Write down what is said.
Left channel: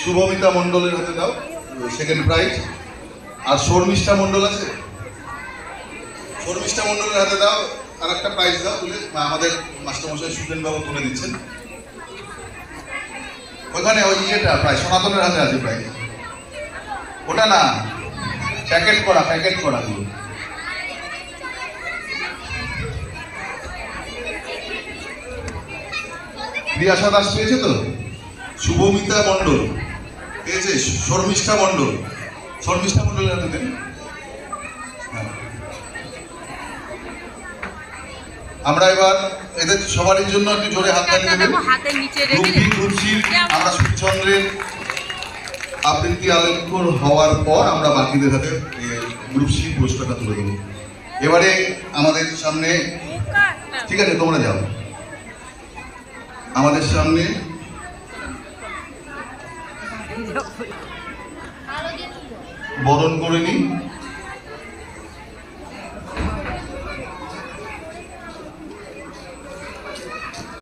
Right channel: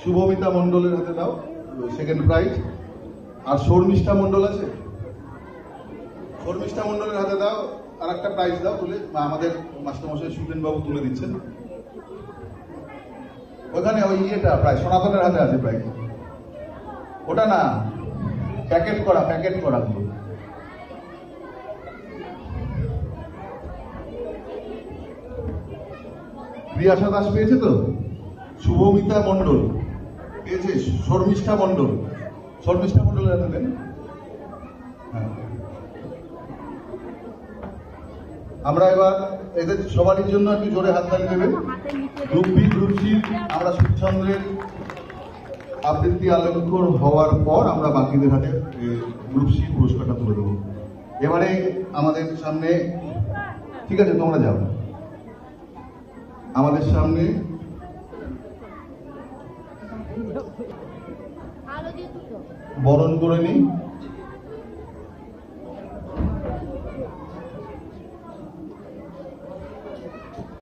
শুভমিতা মণ্ডলের হাতে দাও সেকেন্ড প্রাইজ। আর শর্মিষ্ঠা মণ্ডল আছে, শর্মিষ্ঠা মণ্ডলের হাতে দাও আর একটা প্রাইজ দাও তুলে, আমাদের মাস্টারমশাই সুজেন বাবু তুলে দিচ্ছেন। ওখানে ওই ইয়েটা প্রায় সনাতনের হাতে আছে প্রাইজ, ওটা না প্যাকেট করা পুরো। প্রিয়াশা দাস পেয়েছে তো, শুভমিতা মণ্ডল পেয়েছে, শর্মিষ্ঠা মণ্ডলের হাতে দেন। আমরা এবার এদের সবারই জন্য একটু জোরে হাততালি দেবেন। আমরা সুচন্দ্রের আবৃত্তি আলেখ্য হওয়ার পর আমরা বাকিদের হাতে গ্রুপ সি পুরস্কারটা তুলে দেবো। এবারে আমাদের সামনে, ঠিক আছে তোমরা যাও, আমাদের সামনে বরণ করে নিই।